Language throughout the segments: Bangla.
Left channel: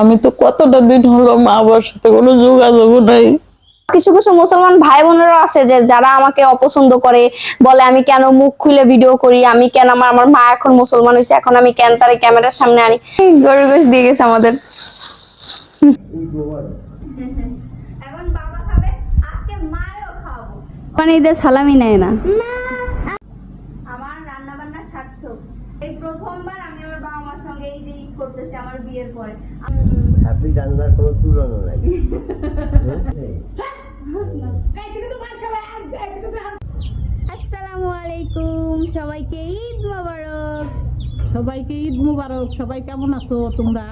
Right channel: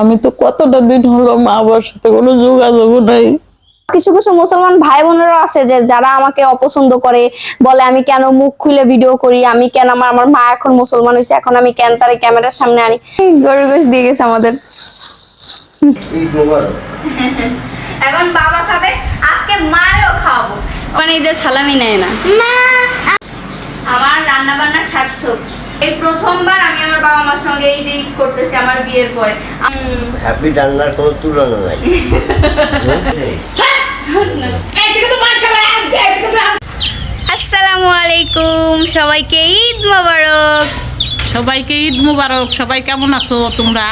আমি তো কতটা দিন হলো মা বাবার সাথে কোনো যোগাযোগ নাই। কিছু কিছু মুসলমান ভাই বোনেরা আছে যে যারা আমাকে অপছন্দ করে, বলে আমি কেন মুখ খুলে ভিডিও করি, আমি কেন আমার মা এখন মুসলমান হয়েছে, এখন আমি কেন তার ক্যামেরার সামনে আনি। গরুর গোশ দিয়ে গেছে আমাদের। এখন বাবা খাবে, আজকে মারেও খাওয়াবো। মানে ঈদের সালামি নেয় না। আমার রান্না বান্না সার্থক। এই প্রথমবার আমি আমার বাবা মার সঙ্গে এই যে ঈদ করতেছি আমার বিয়ের পরে। হ্যাপি রান্নার কোনো তুলনা নাই। আসসালামু আলাইকুম, সবাইকে ঈদ মোবারক। সবাইকে ঈদ মুবারক। সবাই কেমন আছো তোমরা?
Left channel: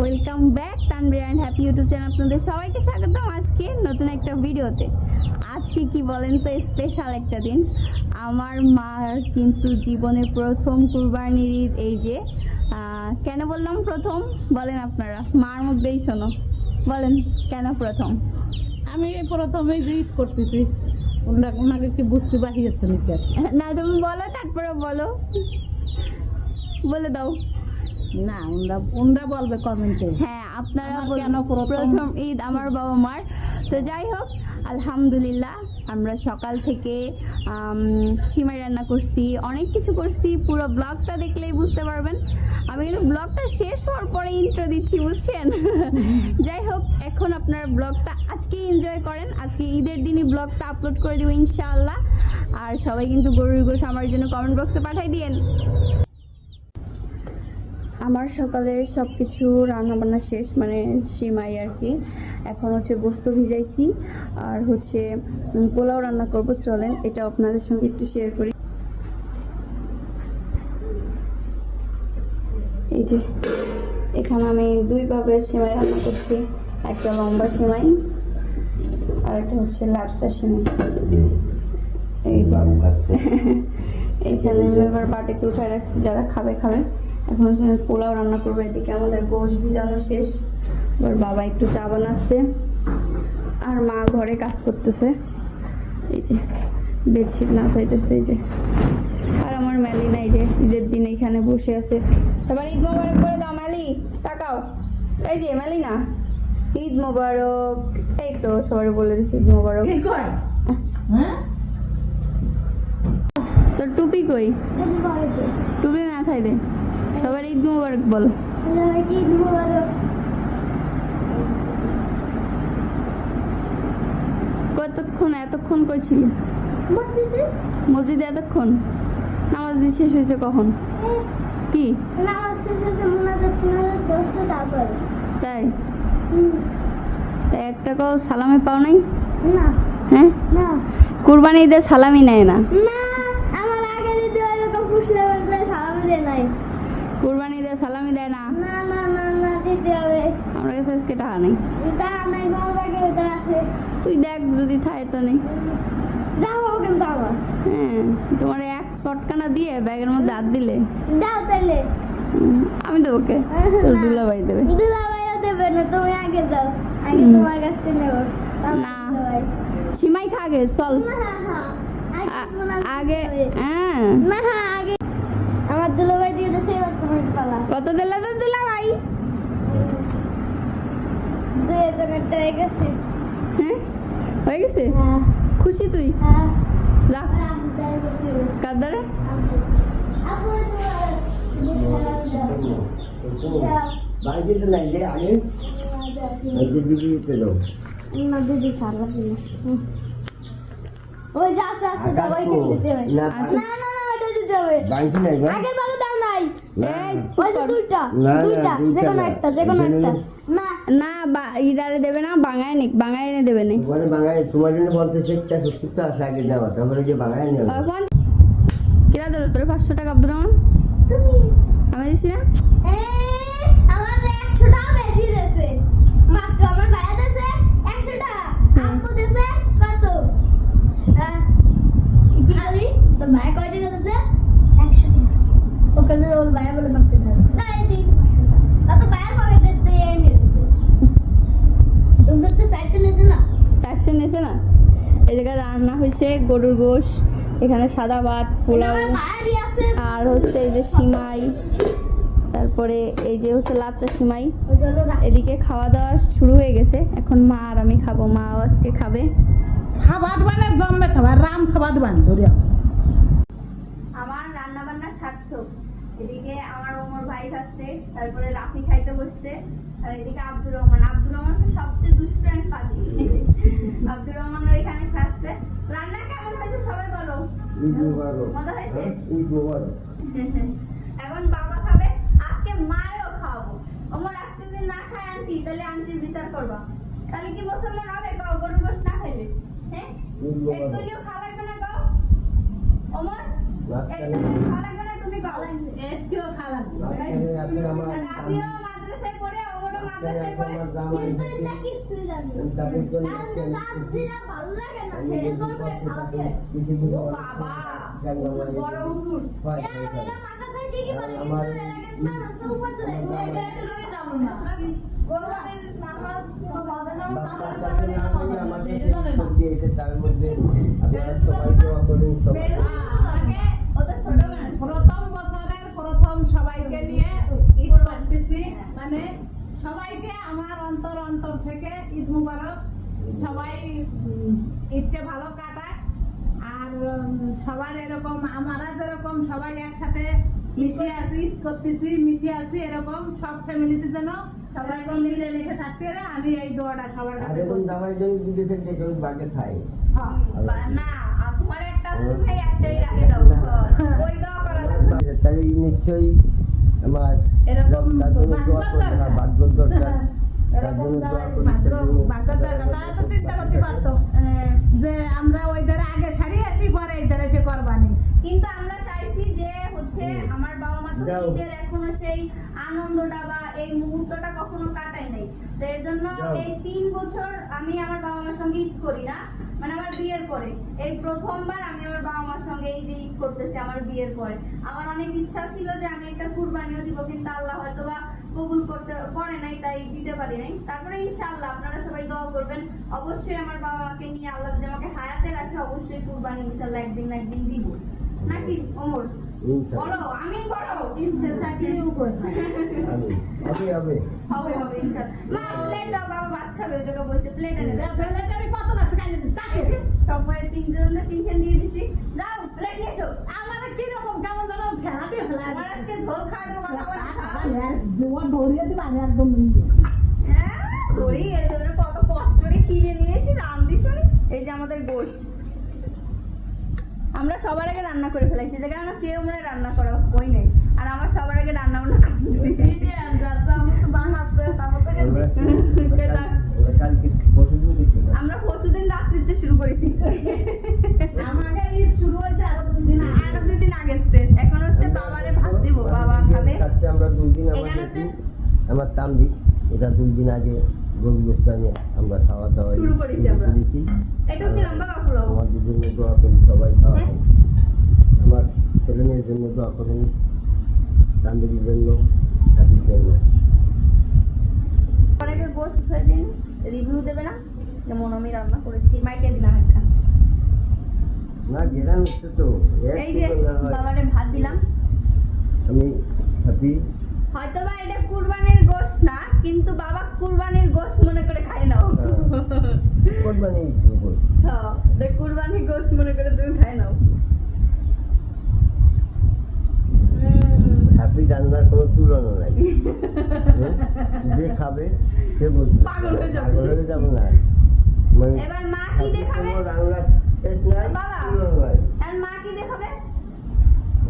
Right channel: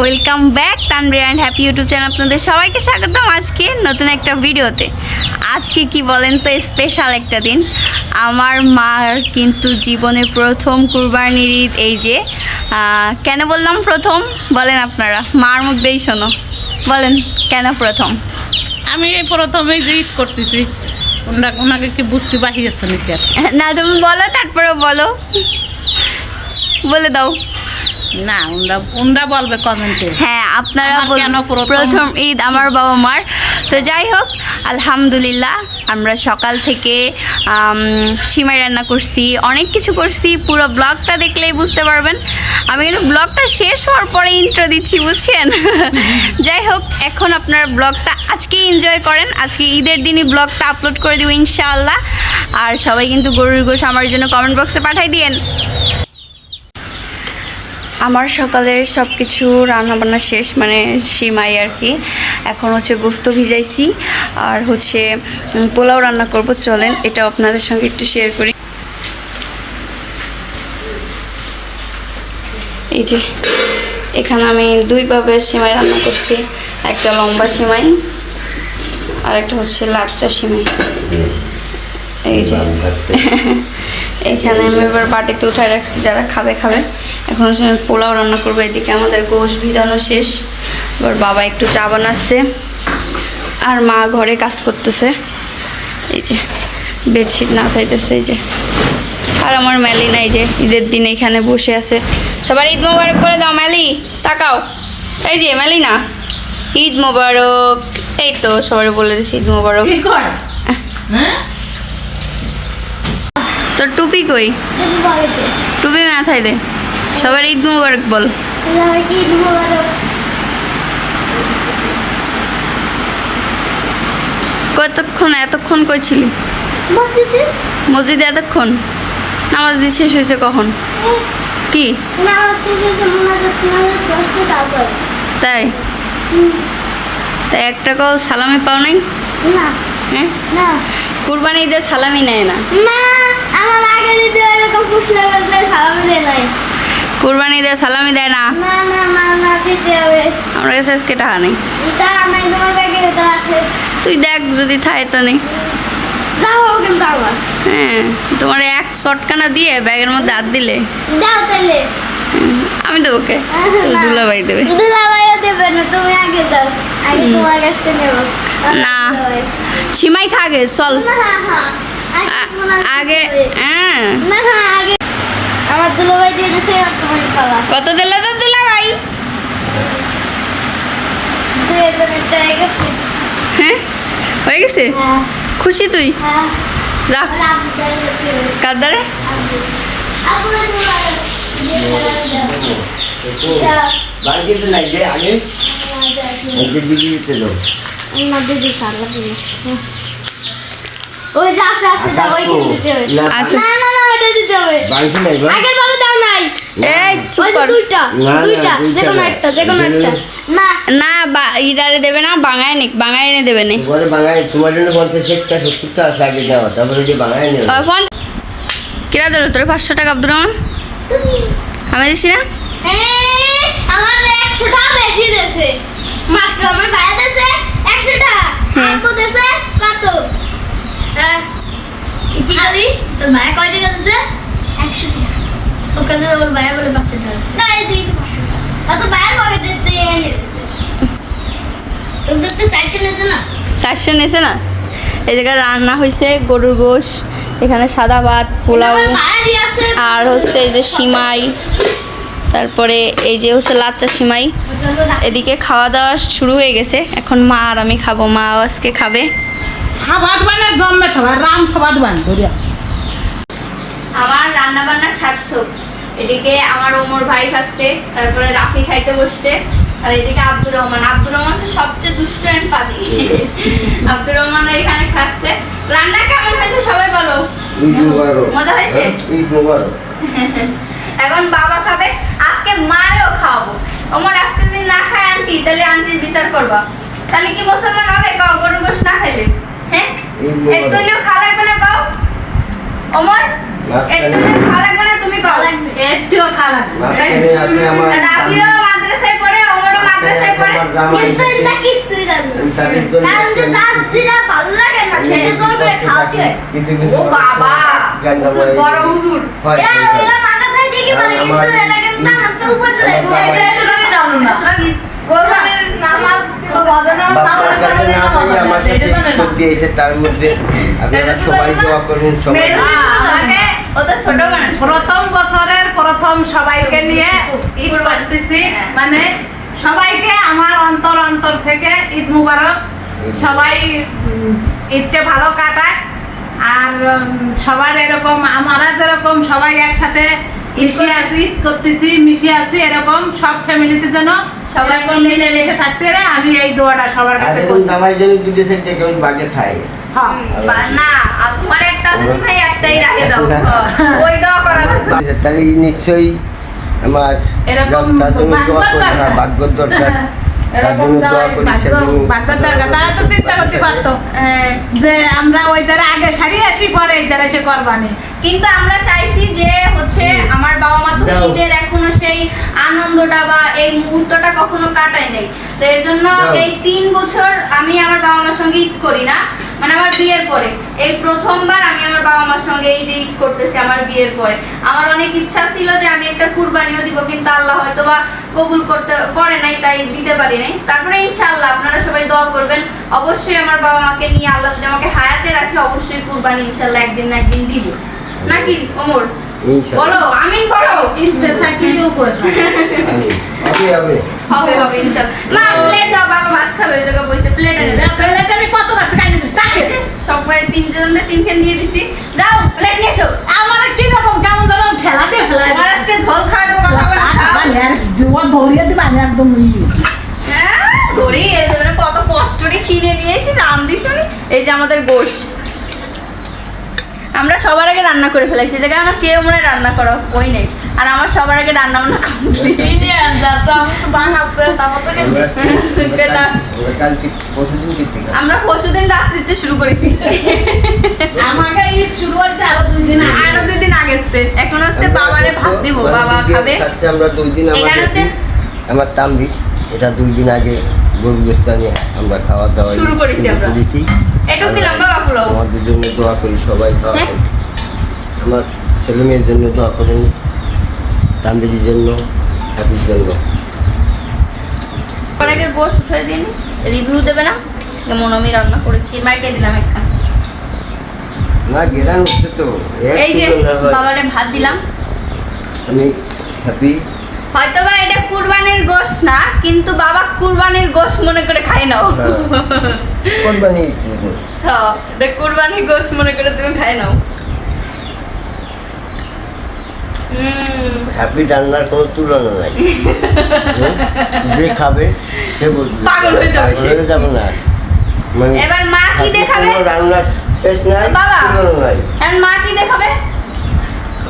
Welcome back Tanvir and happy YouTube channel. আপনাদের সবাইকে স্বাগতম আজকে নতুন একটা ভিডিওতে। আজকে কি বলেন তো, স্পেশাল একটা দিন। আমার মার কিন্তু জীবনের প্রথম কুরবানির ঈদ। এই যে কেন বললাম প্রথম বলেন আপনারা, মার মুখ দিয়েই শোনো, বলেন কেন প্রথম? আমি এই প্রথমেই যে ঈদ করতেছি, ওনাকে কি বুঝতে বাহিয়েছে নাকি? না তুমি বলো, তারপরে বলো, বলে দাও। না, ওনরা বলবে কমেন্টে। হ্যাঁ, আপনারা আমার কেন প্রথম ঈদ আমার বাবা মার। তো যাই হোক, আলহামদুলিল্লাহ আমরা সকাল থেকে সিমাই রান্না করছি, অনেক কিছু করছি। পুরো ব্লগটা দেখলেই বুঝতে পারবেন। আমি কিন্তু ব্লগটা শেষ হওয়ার পরে ইন্ট্রো দিচ্ছি, বুঝছেন? যাই হোক, এখন আপনার ব্লগটা আজকেই এনজয় করেন। আজকে ঈদের দিনই ব্লগটা আপলোড করে দিব ইনশাআল্লাহ। আর সবাই কিন্তু গরুর গোশ আমার জন্য কমেন্ট বক্সে পাঠাই দিয়েন। আমার সকালে সব কিছু রান্নাবান্না শেষ, মানে সিমাই আর কি। এখন হচ্ছে গোস্ত ভিজাইছি, আর হচ্ছে পোলাও রান্না করব। চলেন এটা আপনাদের সঙ্গে একটু শেয়ার করি। এই যে এখানে আমি দুই ভাবের সিমাই রান্না করছি, একটা লম্বা সিমাই আর একটা হচ্ছে লাচ্চা সিমাই। এই যে এখানে আমি এবার বাটিতে উঠায় রাখছি, যারা খাবে খাবে। এখন হচ্ছে আমি পোলাও রান্না করবো। এদিকে আমাদের গোশ ভিজানো শেষ, এবার বাবা একটু চা বানাচ্ছে আর মা ঘরে কাজ করতেছে। এই যে বেডশিট না চাইতেছে, এই যে। আর আমার ম্যালি নাই, যে ঈদের দিন এখানে বসে আছে। সবার ঈদ মোবারক করে দাও ম্যালি, তাকাও। এই যে ম্যালি না, ঈদ মোবারক। এই তো সবাই বলে দিচ্ছি ঈদ মোবারক। তোর টুপি কই? টুপি মাথায় দে, সবার ঈদ মোবারক বল। এতক্ষণ কই ছিলি? মসজিদে এতক্ষণ নামাজ দিয়ে শেষ হয়েছে কখন? কি তাই? তাই এক টাকাও সালামি পাও নাই? হ্যাঁ, কুরবানি ঈদের সালামি নেয় না। কুরবানি ঈদের সালামি দেয় না। আমার কাছে আজকে টাকা নেই। তুই দেখ যদি থাকে তো নেই। হ্যাঁ, তোমার এক শটকানা দিয়ে ব্যাগের মধ্যে হাত দিলে আমি দেবো। কে? দুলাভাই দেবে। না, সিমাই খাগে চল আগে। হ্যাঁ, আমার দুলাভাই দিয়ে দিয়েছে। কত দিলে তো দুলাভাই? 2000 হয়ে গেছে। হ্যাঁ, হয়ে গেছে। খুশি তুই? যা কার দ্বারে বাড়িতে নাই যে আগে দিতে দাও। দিদি সারলা দিদি ওই যা আছে আছে দাও, ওই দিতে হবে। আছে। না না না, এটা দিতে হবে। বাড়িতে নাই বা আগের বারে দাও নাই। এই চুপ ওই যে কর। দুইটা দুইটা, যে কোনো একটা, যে কোনো একটা। না না, ইডারে দেবে না, বাঙায় নিক, বাঙায় এনে দেবে নি। বলে বাঙালি তোমার জন্য 50 টা 70 টা আছে আগে দেওয়া, তারপরে যে বাঙালি নেবে। কিরা দিল তোর 500 টাকা আব্দুর রহমান? আমি দিছি না। আমার 100 টাকা বেশি দেছে মাত্র। আমার ভাইয়া দেছে 100 টাকা, আপু দেছে কত? কি খালি তোর ভাইয়া কয় টাকা দেছে? 100 টাকা। ওকে তো ওর ভাইয়া বলে 500 টাকা দেছে। না, এই দিই 500 টাকা। তো ভাইয়ার পকেটে তে এনে তোদের তো 400 নেছে না? 400 নেছে না। এই জায়গায় রান্না হয়েছে গরুর গোশ, এখানে সাদা ভাত, পোলাও, আমার ভাইয়া দিয়ে আছে। আর হচ্ছে এই যে সিমাই, তারপরে এই যে হচ্ছে লাচ্চা সিমাই। এদিকে খাওয়া দাওয়া শুরু হয়ে গেছে, এখন মা আর আমি খাবো। মা আজকে খাবে। খাবার মানে জন্মে খাবার রাম খাবার বান ধরিয়া। আমার রান্না বান্না সার্থক। এদিকে আমার ওমর ভাই খাচ্ছে, তারপরে রাফি খাইতে বসছে, আর এদিকে আব্দুর রহমান। আব্দুর রহমান হচ্ছে সবচেয়ে দুষ্ট এন্ড পাজি। আব্দুর রহমান এখানে খাচ্ছে। রান্না কেমন হয়েছে সবাই বলো? মজা হয়েছে? এখন বাবা খাবে, আজকে মারেও খাওয়াবো। ওমর আজকে যদি না খায় আন্টি, তাহলে আন্টির বিচার করবা। তাহলে কি মুসলমান হবে? কাও গরু গোশ না খাইলে? হ্যাঁ, একটু হলেও খাওয়া লাগবে না? কাও ওমর, একটু হলেও খাওয়া লাগবে না? তুমি কাও একটুও খাওয়া লাগবে। রাবিও মাদ্রাসায় পড়ে, ওমরও মাদ্রাসায় পড়ে, কিন্তু এটা কিছুই লাগবে না। কারণ যে যার যেটা ভালো লাগে না সেটা জোর করে খাওয়াতে হয়। ও বাবা, হুজুর বড় হুজুর। এরা মাদ্রাসায় ঠিকই বলে, কিন্তু এটা কিন্তু নামাজের উপর চলে যায়। এটা জানো না। কোরবানির নামাজ বাজে না, বাবার কাছে না দিয়ে আমার কাছে করতে এসে তার মধ্যে আপনারা সবাই দোয়া করুন। সবাই ওটা ছোট মানুষ। প্রথম বছরের প্রথম সবাইকে নিয়ে ঈদ করতেছি, মানে সবাইকে আমার অন্তর থেকে ঈদ মুবারক। সবাই ঈদটা ভালো কাটায়, আর সবার এরকম আমরা যেরকম সবাই একসাথে মিশে আছি, এরকম সব ফ্যামিলিতে যেন সবাই মিলে মিশে থাকতে পারে। আমি এই দোয়াটা সবার কাছে করি। জামাই যেন দুটো সাইড থেকে বাগে থাকে। হ্যাঁ, না তোমার একটা আছে, ভাই একটাই রাখে দাও। ওই দোয়া করা লাগবে। তাহলে নিশ্চয়ই আমার এরকম ভাগ্য দরকার। তার জন্য দোয়া করি। তারা তো চিন্তা করতে পারতো যে আমরা ওই ধারে আগে সারি আসি, পরে এই ধারে এসে করবানি। কিন্তু আমরা চাইছি যে হচ্ছে আমার বাবা মা তো ঈদের এখনো সেই আনন্দটা বা এই মুহূর্তটা কখনো কাটাই নাই। তো এর জন্য এই 3 বছর আমি আমার বাবা মার সঙ্গে ঈদ করি না, মানে আমার বিয়ের পরে এই প্রথমবার আমি আমার বাবা মার সঙ্গে এই যে ঈদ করতেছি আমার বিয়ের পরে। আমার অনেক ইচ্ছা ছিল যে আমি একটা কুরবানিও দিব, কিন্তু আল্লাহ হয়তো বা কবুল করে নাই, তাই দিতে পারি নাই। তারপরে ইনশাআল্লাহ আপনারা সবাই দোয়া করবেন, অবশ্যই আমার বাবা মাকে নিয়ে আল্লাহ যদি আমাকে হায়াতে রাখে অবশ্যই কুরবানি ইনশাআল্লাহ একদিন না একদিন দিব। নাকি ওমর? বলো আমিন করো। ইচ্ছে থাকিও করবে। হবে হবে হবে ইনশাআল্লাহ। মা প্লেট দাও, বাবা ভাত খাবে, ওই জায়গা বসে প্লেট এনে দাও। প্লেট আমি কত কাছে কাইনে দিছি তাকে সবাই 3 জনের 3 খান দিয়ে দিছি। যাও প্লেট নিয়ে এসো। আমার কি রকম কেমন যেন ঠেলা দিয়ে ফেলা। আমার আজকে ঝোল খাওয়া দেবো, কথা বলে খাও। ধরিয়ে দিবা একদম ধরি এই জন্য কত কষ্ট করে কিনে নিয়েছি, রাম দিছি। এই যে আমাদের গোশ আমরা সবার আগে রান্না করে ফেলাইছি, জায়গায় আমার কেউ মনে রান্না করো ওই নেই। আর আমার সবার আগে রান্না বান্না কমপ্লিট। আমরা পরশুদিন রাত্রিতে শুরু করেছি। আমাকে ঈদ শুরু হয়েছে আরো 2 দিন আগে। আরো 2 দিন আগেতে। এখন হচ্ছে বাবারে ভাত দিব, বাবা খাবে। আমরা 2 দিন এখানে হচ্ছে আমার তামবির এটা 2 দিন আগে গরু গোশত নিয়ে আমরা খাওয়া দাওয়া শুরু করেছি। আমরা একটু দিলাম বাবা পোলাও। আমাদের জন্য দোয়া করি সবাই। আমার ছেলে মেয়ের জন্য দোয়া করেন, তামবির জন্য, হাবির জন্য। আগে গোশ উঠে দিন, রিভিউ দেবে না যেমন আমি রান্না করেছি। মাইকে দিলাম একখান। না গেলাম হচ্ছে তো এই যে বাবারে ভাত দিলাম। আমি হ্যাপি। হয়তো বা এটা কুরবানির গোশ না, কিন্তু বাবা কুরবানির গোশ মনে করে খাই নাও। কোরবানি হ্যাঁ, এটা কুরবানির গোশ মনে করে তুমি খাই নাও। হ্যাপি রান্নার কোনো তুলনা নাই। যে খাবে সে বুঝবে, পাগল হয়ে যাবে সে। যাবে না। মানে এবার মা কি দেখাবে? রান্নার শেষ নাই, বাবা তুলনা নাই। আর মা কি দেখাবে?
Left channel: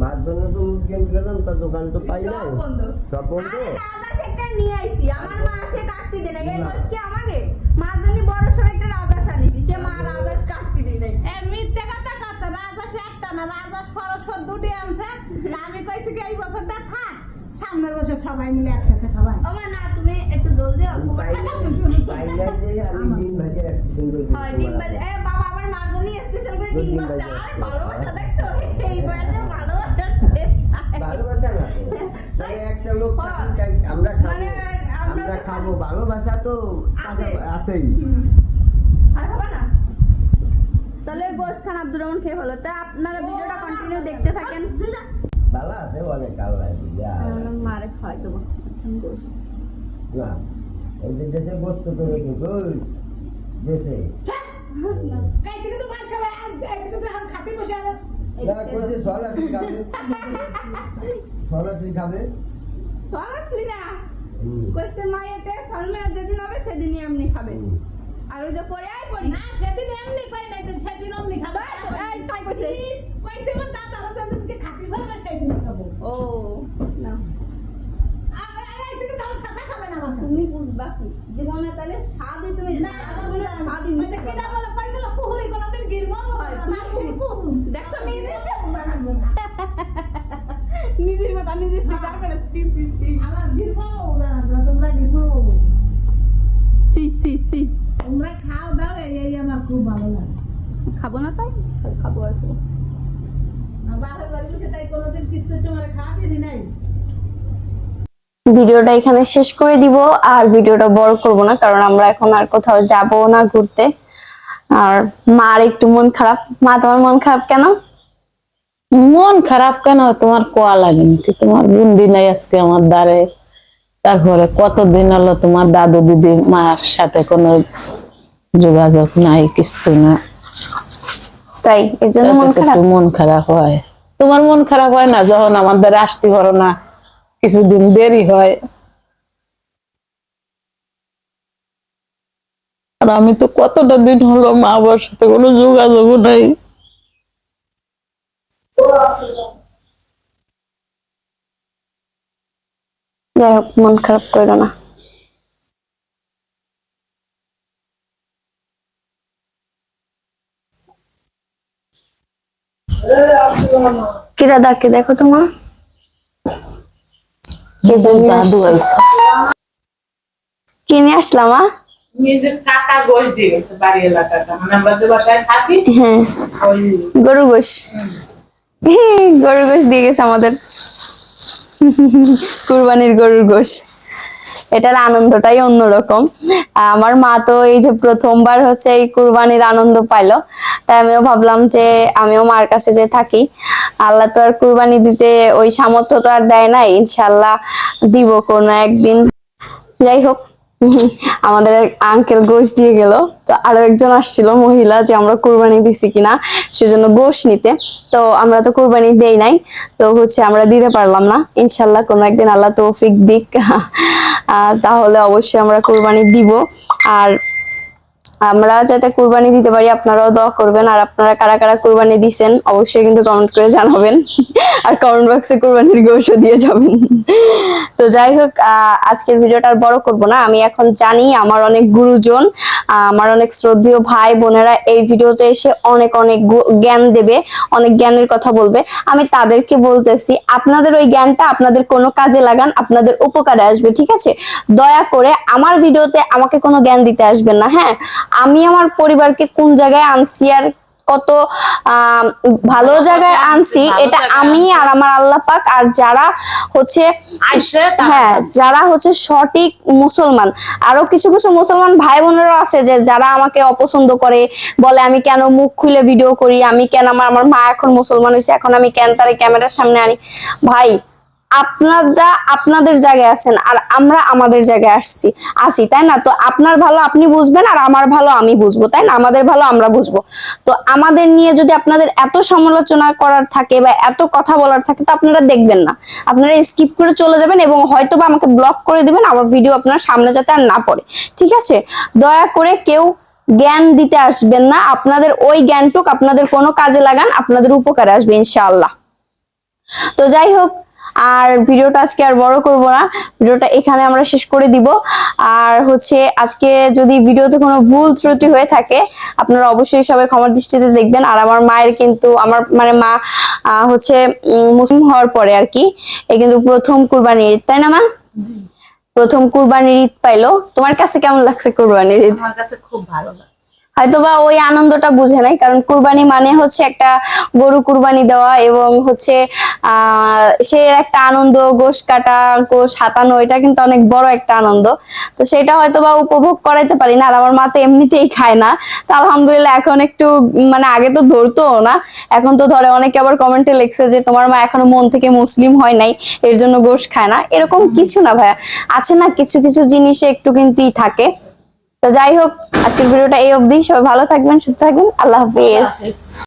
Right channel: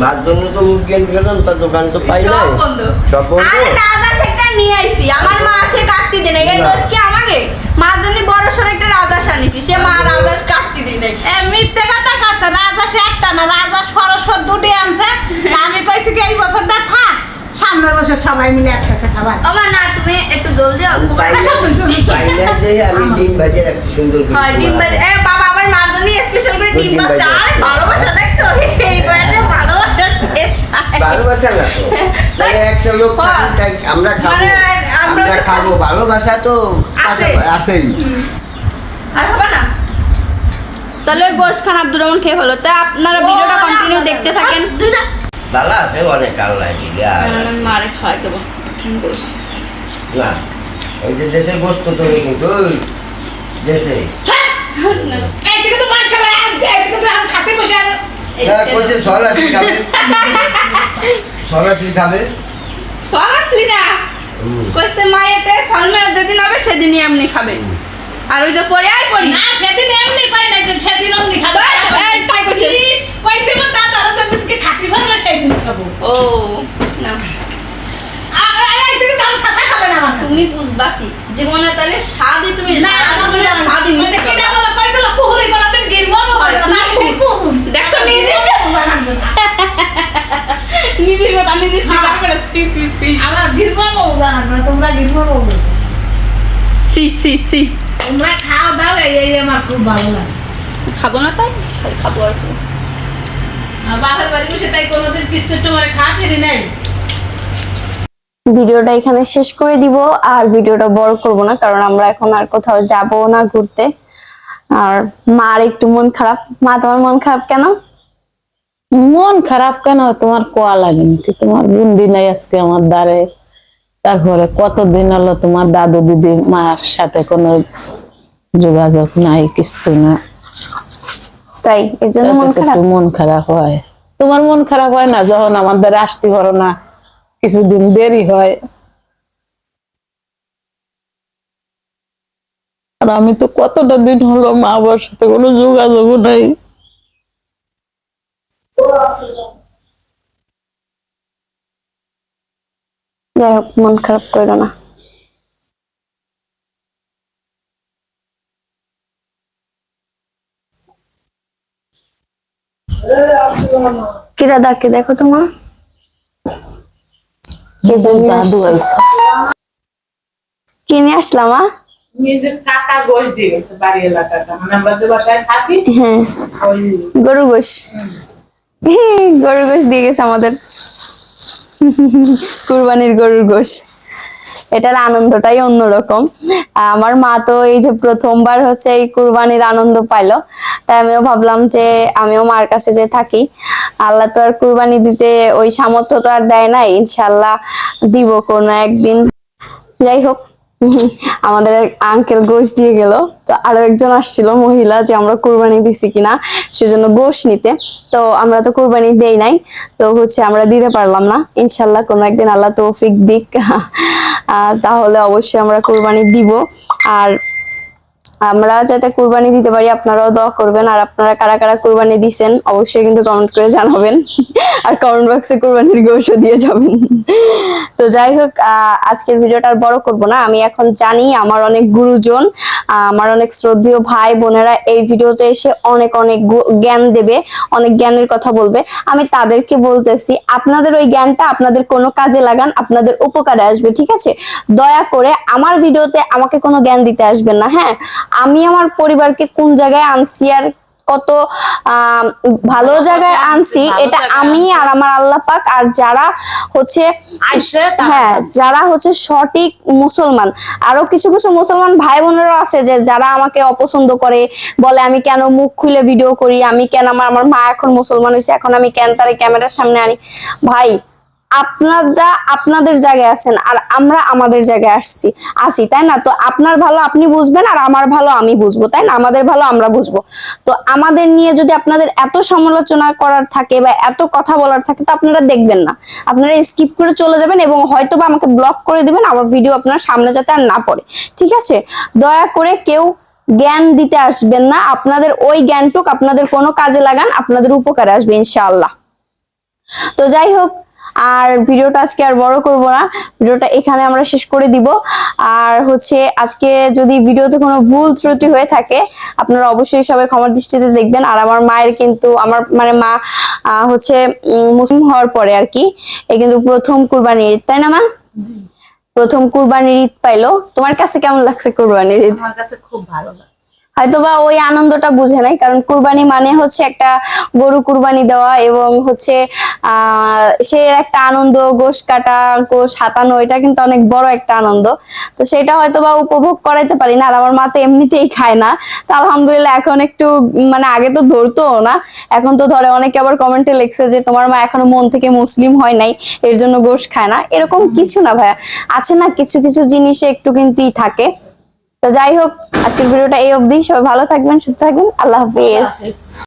মার জন্য তো মুরগি এনে গেলাম, তার দোকান তো পাই নাই, সব বন্ধ। সব বন্ধ। আরে রাজহাঁস একটা নিয়ে আইছি, আমার মা আসে কাটতে দেয় না। এই দোষ কি আমাকে? মার জন্য বড় সর একটা রাজহাঁস আনিছি, সে মা রাজহাঁস কাটতে দেয় নাই। মিথ্যে কথা কাছে রাজহাঁস একটা না, রাজহাঁস পরস্পর 2টি আনছে। আমি কইছি কি এই বছরটা থাক, সামনের বছর সবাই মিলে একসাথে খাবার। আমার না তুমি একটু জলদি অল্প করে। পাই না যে আমি ডিম ভাজি রাখছি সুন্দর করে। হয় ডিম ভাজি। বাবা আমার মার জন্য স্পেশাল করে ডিম ভাজি। আর ভালোবাসা দেখছো? এই বয়সে ভালোবাসা শেষ নাই। ভালোবাসা না তো, তাহলে একটা লোক আমরা খাবো, আমরা খাবো, ভালোবাসা তো আছেই। আর হবে না? তাহলে গোশ খান আব্দুর রহমান খেয়ে হলো। তা আপনারা ভিডিওটা কন্টিনিউ দেখতে থাকেন। ভালো আছে অনেক আল্লাহ দিলে আর আমি মারে খাওয়াই দেবো বলছি না ওই যে দেশের গোস্ত তুমি কিন্তু ওই দেশে এইদিকে তো মার খাবে এইদিকে তো আমি খাতে বসে আর করছে সরাসরি খাবে সরাসরি খাবে সরাসরি না কইছে মায়েতে সালমান যেদিন হবে সেদিনই এমনি খাবে আর ওই যে পরে আর পড়ি না সেদিন এমনি পাই না সেদিন অমনি খাবে এই তাই কইছে কইছে মা দাদা যেদিনকে খাতি ভরবে সেদিন খাবো ও না এইদিকে তো আমি সাসা খাবে না আমার তুমি বুঝবা কি জীবনে তাহলে স্বাদই তুমি না আমি স্বাদই মানে মিশে কিটা বলে কইছিল কুহুরি করাতে গিরবো না সেই কুহুর দেখছো নিজে নিজের কথা নিজে স্বীকার করে সি আমার গিরবো জানান না তোমরা গিরবো সি তোমরা খাও দাও এই আমার খুব ভালো লাগে খাবো না তাই খালি খাবো আর খাবো আর বাপের বাড়ি বসে তাই কোনোদিন কিছু তোমার খাওয়াতে নাই ভিডিওটা এখানে শেষ করে দিব আর ভিডিওটা বড় করব না কারণ আমরা এখন আর কোথাও যাব না ঘুরতে আর মার একটু মন খারাপ মা তোমার মন খারাপ কেন মন খারাপ কেন তোমার কোয়া লাগেনি কি তোমার বুন্দি নাই আজকে আমার দ্বারে তারপরে কতদিন হলো তোমার দাদু দিদি মার সাথে কোনো যোগাযোগ নাই কিছু না তাই এর জন্য মন তাতে খারাপ একটু মন খারাপ হয় তোমার মন খারাপ হয় না যখন আমাদের আসতে পারো না কিছুদিন দেরি হয় আর আমি তো কতটা দিন হলো মা বাবার সাথে কোনো যোগাযোগ নাই যাই হোক মন খারাপ করো না কিরা ডাকে দেখো তোমার দাদু আইছে কিনে আসলাম নিজের কাকা গোশ দিয়ে গেছে বাড়ি এলাকাটা মানে আমরা যে বাসায় থাকি হ্যাঁ ওই গরুর গোশ গরুর গোশ দিয়ে গেছে আমাদের কুরবানির গরুর গোশ এটার আনন্দটাই অন্যরকম আমার মা তো এই যে প্রথমবার হচ্ছে এই কুরবানির আনন্দ পাইলো তাই আমিও ভাবলাম যে আমিও মার কাছে যে থাকি আল্লাহ তো আর কুরবানি দিতে ওই সামর্থ্য তো আর দেয় না ইনশাল্লাহ দিব কোনো একদিন যাই হোক আমাদের আঙ্কেল গোশ দিয়ে গেল তো আরো একজন আসছিল মহিলা যে আমরা কুরবানি দিছি কিনা সেজন্য গোশ নিতে তো আমরা তো কুরবানি দেই নাই তো হচ্ছে আমরা দিতে পারলাম না ইনশাল্লাহ কোনো একদিন আল্লাহ তৌফিক দিক তাহলে অবশ্যই আমরা কুরবানি দিব আর আমরা যাতে কুরবানি দিতে পারি আপনারাও দোয়া করবেন আর আপনারা কারা কারা কুরবানি দিবেন অবশ্যই কিন্তু কমেন্ট করে জানাবেন আর কমেন্ট বক্সে কুরবানির গোশও দিয়ে যাবেন তো যাই হোক আজকের ভিডিওটা আর বড় করব না আমি এখন জানি আমার অনেক গুরুজন আমার অনেক শ্রদ্ধেয় ভাই বোনেরা এই ভিডিওতে এসে অনেক অনেক জ্ঞান দেবে অনেক জ্ঞানের কথা বলবে আমি তাদেরকে বলতেছি আপনাদের ওই জ্ঞানটা আপনাদের কোনো কাজে লাগান আপনাদের উপকারে আসবে ঠিক আছে দয়া করে আমার ভিডিওতে আমাকে কোনো জ্ঞান দিতে আসবেন না হ্যাঁ আমি আমার পরিবারকে কোন জায়গায় আনছি আর কত ভালো জায়গায় আনছি এটা আমি আর আমার আল্লাহ পাক আর যারা হচ্ছে হ্যাঁ যারা হচ্ছে সঠিক মুসলমান আরো কিছু কিছু মুসলমান ভাই বোনেরা আছে যে যারা আমাকে অপছন্দ করে বলে আমি কেন মুখ খুলে ভিডিও করি আমি কেন আমার মা এখন মুসলমান হয়েছে এখন আমি কেন তার ক্যামেরার সামনে আনি ভাই আপনারা আপনাদের জায়গায় আছেন আর আমরা আমাদের জায়গায় আসি তাই না তো আপনার ভালো আপনি বুঝবেন আর আমার ভালো আমি বুঝবো তাই না আমাদের ভালো আমরা বুঝবো তো আমাদের নিয়ে যদি আপনাদের এত সমালোচনা করার থাকে বা এত কথা বলার থাকে তো আপনারা দেখবেন না আপনারা স্কিপ করে চলে যাবেন এবং হয়তো বা আমাকে ব্লক করে দিবেন আমার ভিডিও আপনার সামনে যাতে আর না পড়ে ঠিক আছে দয়া করে কেউ জ্ঞান দিতে আসবেন না আপনাদের ওই জ্ঞানটুক আপনাদের কোনো কাজে লাগান আপনাদের উপকারে আসবে ইনশাআল্লাহ তো যাই হোক আর ভিডিওটা আজকে আর বড় করব না ভিডিওটা এখানে আমরা শেষ করে দিব আর হচ্ছে আজকে যদি ভিডিওতে কোনো ভুল ত্রুটি হয়ে থাকে আপনারা অবশ্যই সবাই ক্ষমার দৃষ্টিতে দেখবেন আর আমার মায়ের কিন্তু আমার মানে মা হচ্ছে মুসলিম হওয়ার পরে আর কি এই কিন্তু প্রথম কুরবানির ঈদ তাই না মা প্রথম কুরবানির ঈদ পাইলো তোমার কাছে কেমন লাগছে কুরবানির ঈদ আমার কাছে খুব ভালো লাগছে হয়তোবা ওই আনন্দটা বুঝে নাই, কারণ কুরবানি মানে হচ্ছে একটা গরু কুরবানি দেওয়া এবং হচ্ছে সে একটা আনন্দ, গোশ কাটা, গোশ হাতানো, এটা কিন্তু অনেক বড় একটা আনন্দ। তো সেটা হয়তোবা উপভোগ করাইতে পারি না, আর আমার মা তো এমনিতেই খায় না। তো আলহামদুলিল্লাহ এখন একটু মানে আগে তো ধরতো না, এখন তো ধরে। অনেকে আবার কমেন্টে লিখছে যে তোমার মা এখনো মন থেকে মুসলিম হয় নাই এর জন্য গোশ খায় না। এরকম কিছু না ভাইয়া, আছে না কিছু কিছু জিনিসে একটু কিন্তুই থাকে। তো যাই হোক, আজকের ভিডিওটা এই অবধি। সবাই ভালো থাকবেন, সুস্থ থাকবেন, আল্লাহ হাফিজ।